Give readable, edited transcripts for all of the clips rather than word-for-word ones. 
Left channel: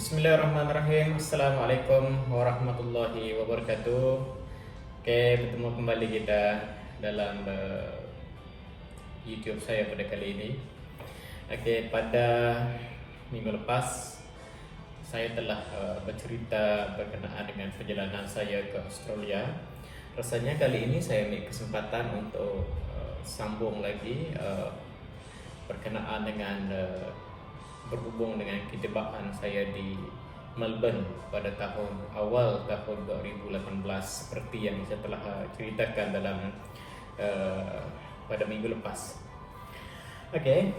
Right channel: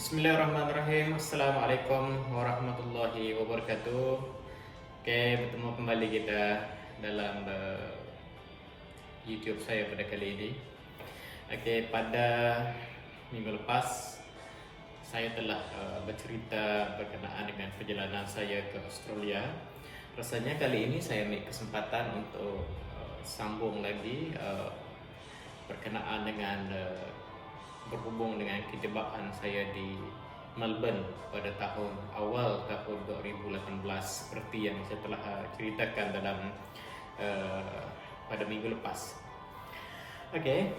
Bismillahirrahmanirrahim. Assalamualaikum warahmatullahi wabarakatuh. Oke, bertemu kembali kita dalam YouTube saya pada kali ini. Oke, pada minggu lepas saya telah bercerita berkenaan dengan perjalanan saya ke Australia. Rasanya kali ini saya ambil kesempatan untuk sambung lagi berkenaan dengan berhubung dengan ketibaan saya di Melbourne pada awal tahun 2018 seperti yang saya telah ceritakan dalam pada minggu lepas. Okey,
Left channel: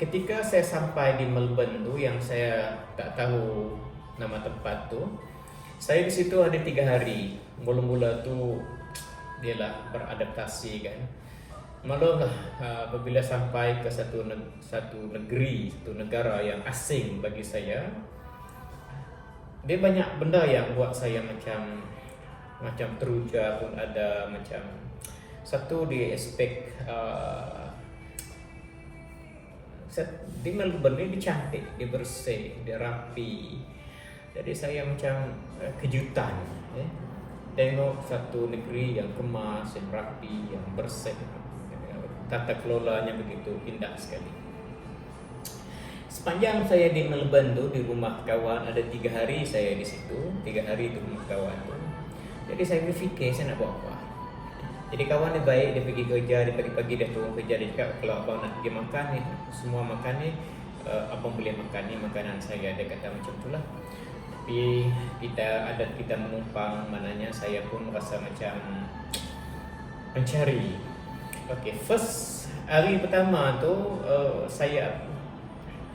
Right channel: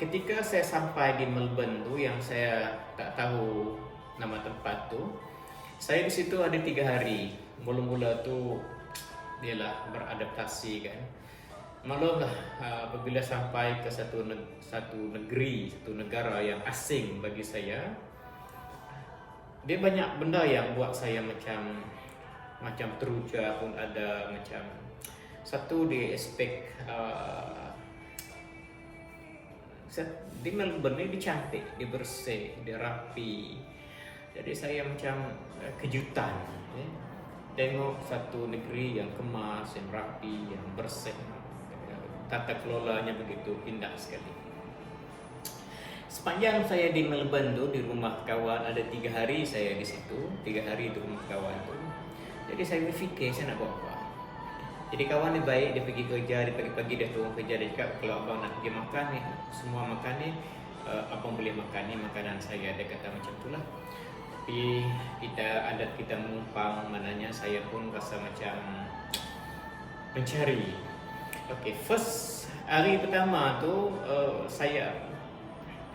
ketika saya sampai di Melbourne tu yang saya tak tahu nama tempat tu, saya di situ ada 3 hari. Mula-mula tu dialah beradaptasi kan. Maklumlah apabila sampai ke satu negeri, satu negara yang asing bagi saya, dia banyak benda yang buat saya macam teruja pun ada, macam satu di aspek di Melbourne ni dia cantik, dia bersih, dia rapi. Jadi saya macam kejutan tengok satu negeri yang kemas, yang rapi, yang bersih. Tata kelolanya begitu indah sekali. Sepanjang saya di Melbourne tu, di rumah kawan, ada 3 hari saya di situ, 3 hari di rumah kawan tu. Jadi saya berfikir saya nak buat apa. Jadi kawan ni baik, dia pergi kerja, dia pagi-pagi dia turun kerja, dia cakap kalau abang nak pergi makan ni, semua makan ni, abang boleh makan ni makanan saya. Dia kata macam tu lah. Tapi kita menumpang, maknanya saya pun rasa macam mencari. Okay, first hari pertama tu saya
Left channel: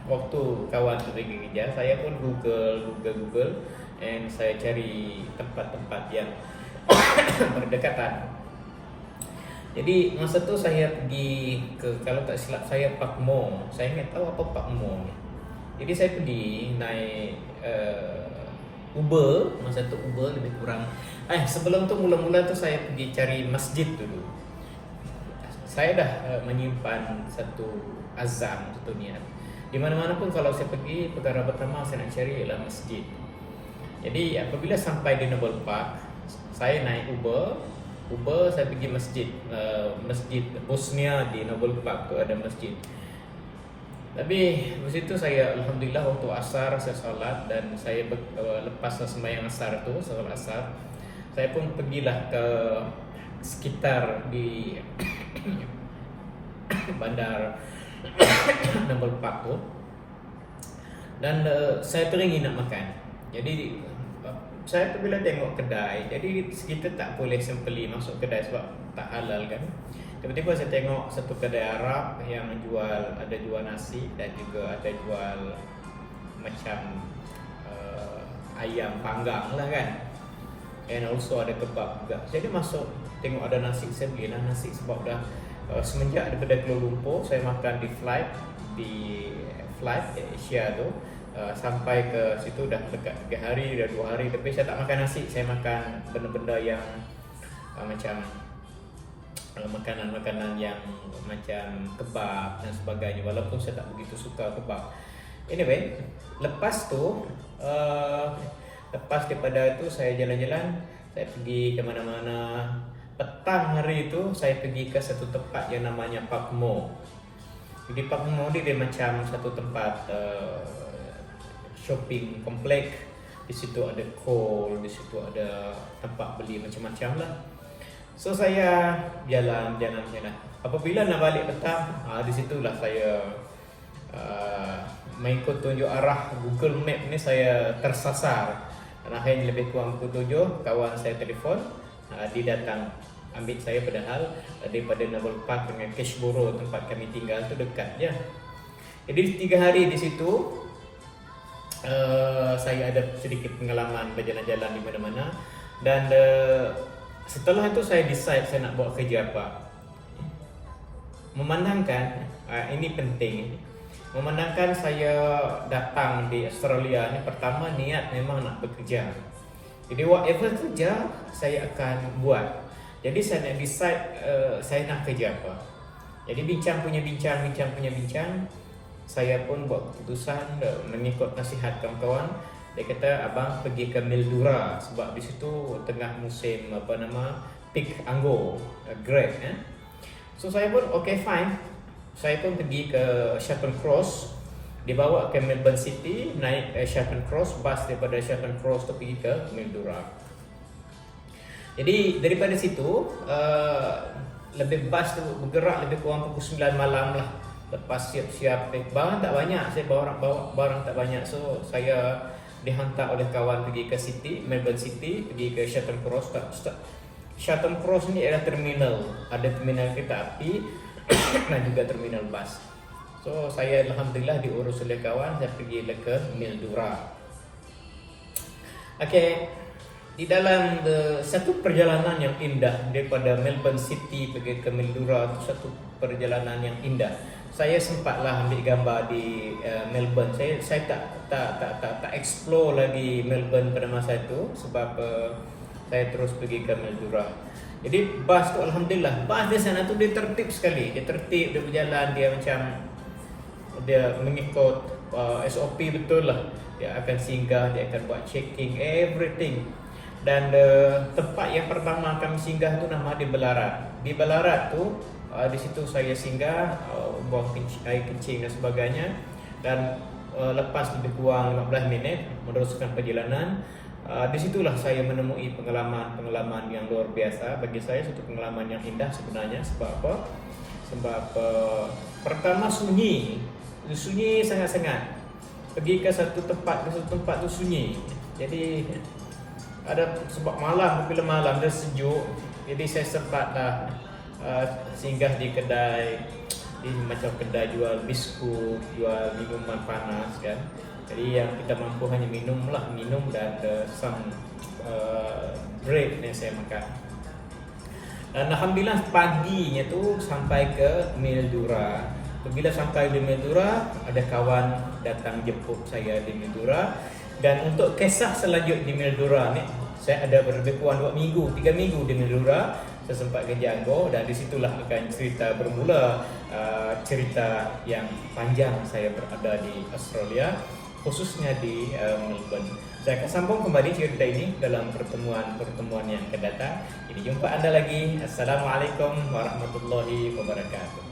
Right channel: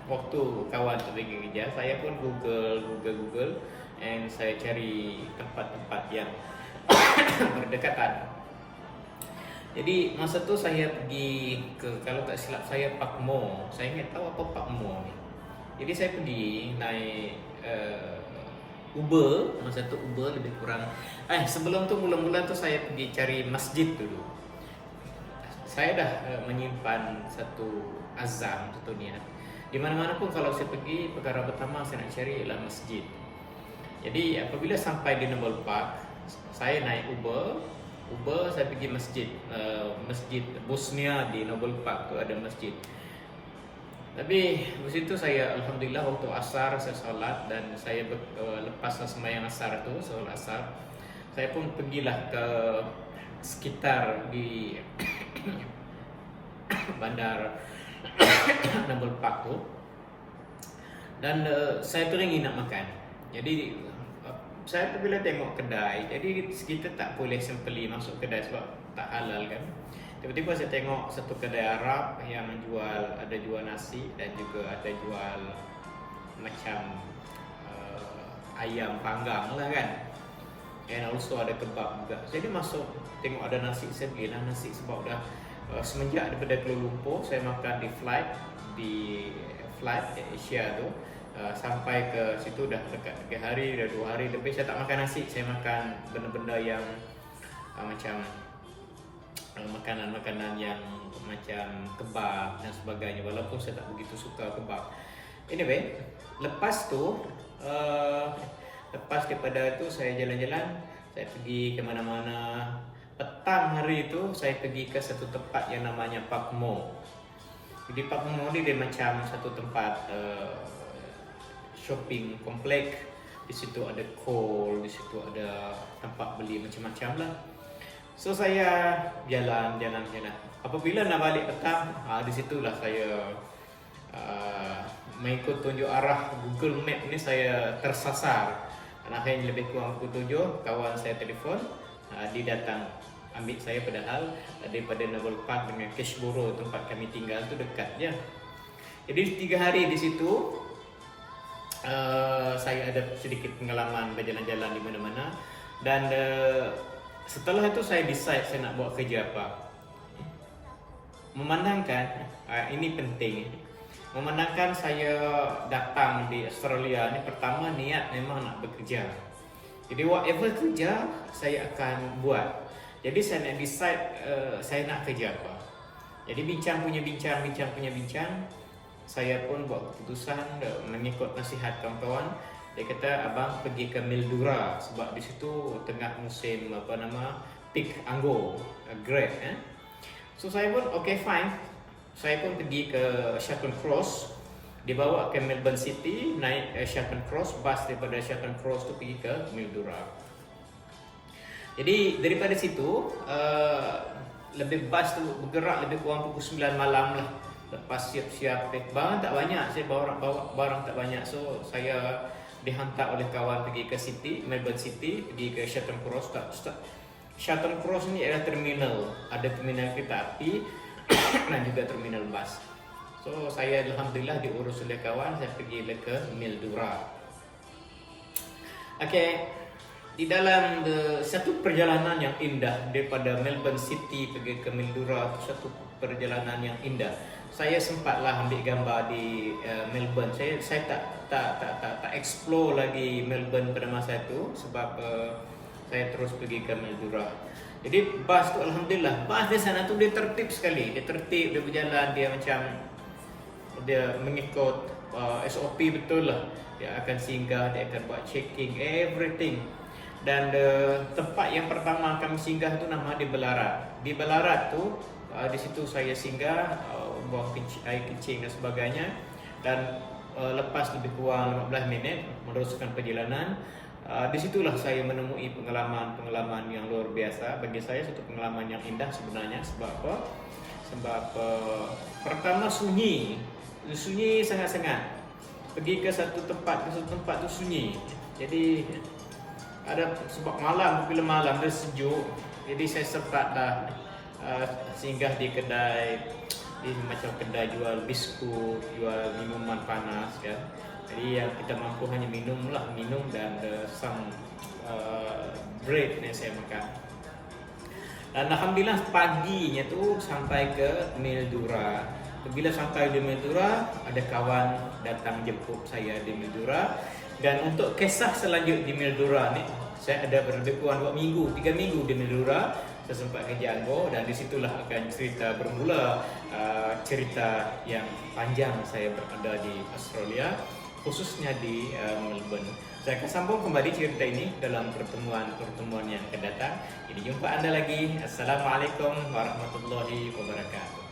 waktu kawan tu pergi kerja, saya pun Google and saya cari tempat-tempat yang berdekatan. Jadi masa tu saya pergi ke, kalau tak silap saya, Park Mo. Saya ingat tahu apa Park Mo ni. Jadi saya pergi naik Uber, masa tu Uber lebih kurang. Sebelum tu mula-mula tu saya pergi cari masjid dulu. Saya dah menyimpan satu azam, satu niat. Di mana-mana pun kalau saya pergi, perkara pertama saya nak cari ialah masjid. Jadi apabila sampai di Noble Park, saya naik Uber saya pergi masjid, Masjid Bosnia di Noble Park tu ada masjid. Tapi di situ saya alhamdulillah waktu asar saya solat, dan saya lepas sembahyang asar tu, solat asar, saya pun pergilah ke sekitar di bandar Noble Park tu, dan saya teringin nak makan. Jadi saya tu bila tengok kedai, jadi kita tak boleh simply masuk kedai sebab tak halal kan. Tiba-tiba saya tengok satu kedai Arab yang ada jual nasi dan juga ada jual macam ayam panggang lah kan, and also ada kebab juga. Jadi masuk tengok ada nasi, saya belilah nasi sebab dah semenjak daripada Kuala Lumpur saya makan di flight Asia tu, sampai ke situ dah dekat 3 hari, dah 2 hari lebih saya tak makan nasi. Saya makan benda-benda yang macam makanan-makanan yang macam kebab dan sebagainya, walaupun saya tak begitu suka kebab. Anyway, lepas daripada itu saya jalan-jalan, saya pergi ke mana-mana. Petang hari itu saya pergi ke satu tempat yang namanya Park Mo. Jadi Park Mo ni dia macam satu tempat shopping komplek. Di situ ada call, di situ ada tempat beli macam-macam lah. So saya jalan. Apabila nak balik petang, di situlah saya mengikut tunjuk arah Google Map ni saya tersasar. Dan akhirnya lebih kurang pukul 7 kawan saya telefon, dia datang ambil saya, padahal daripada Noble Park dengan Cashboro tempat kami tinggal tu dekat je. Jadi 3 hari di situ saya ada sedikit pengalaman berjalan-jalan di mana-mana, dan setelah itu saya decide saya nak buat kerja apa. Memandangkan ini penting, memandangkan saya datang di Australia ni, pertama niat memang nak bekerja. Jadi whatever kerja saya akan buat. Jadi saya nak decide saya nak kerja apa. Jadi bincang punya bincang, saya pun buat keputusan mengikut nasihat kawan-kawan. Dia kata abang pergi ke Mildura sebab di situ tengah musim peak anggur, grape kan. So saya pun okay fine. Saya pun pergi ke Shelton Cross, dibawa ke Melbourne City, naik Shelton Cross, bus daripada Shelton Cross tu pergi ke Mildura. Jadi daripada situ lebih bus tu bergerak lebih kurang pukul 9 malam lah. Lepas siap-siap barang tak banyak, saya bawa barang tak banyak. So saya dihantar oleh kawan pergi ke City, Melbourne City, pergi ke Shelton Cross. Shelton Cross ni adalah terminal, ada terminal kereta api dan juga terminal bus. So saya alhamdulillah diurus oleh kawan, saya pergi ke Mildura. Okay, di dalam satu perjalanan yang indah daripada Melbourne City pergi ke Mildura, itu satu perjalanan yang indah. Saya sempatlah ambil gambar di Melbourne. Saya tak explore lagi Melbourne pada masa itu sebab saya terus pergi ke Mildura. Jadi bas tu alhamdulillah, bas di sana tu dia tertib sekali. Dia tertib, dia berjalan, dia macam dia mengikut SOP betul lah. Dia akan singgah, dia akan buat checking everything. Dan tempat yang pertama kami singgah tu nama dia Ballarat. Di Ballarat tu di situ saya singgah, buang air kencing dan sebagainya. Dan lepas lebih kurang 15 minit meneruskan perjalanan, di situlah saya menemui pengalaman yang luar biasa. Bagi saya satu pengalaman yang indah sebenarnya. Sebab apa? Sebab pertama sunyi sangat-sangat. Pergi ke satu tempat tu sunyi. Jadi ada sebab bila malam dia sejuk, jadi saya sempatlah singgah di kedai, di macam kedai jual biskut, jual minuman panas kan. Jadi yang kita mampu hanya minum dan some bread yang saya makan. Dan alhamdulillah paginya tu sampai ke Mildura. Bila sampai di Mildura, ada kawan datang jemput saya di Mildura. Dan untuk kisah selanjut di Mildura ni, saya ada lebih kurang 3 minggu di Mildura. Saya sempat kerja anggur dan disitulah akan cerita bermula, cerita yang panjang saya berada di Australia, khususnya di Melbourne. Saya akan sambung kembali cerita ini dalam pertemuan yang akan datang. Jadi jumpa anda lagi. Assalamualaikum warahmatullahi wabarakatuh.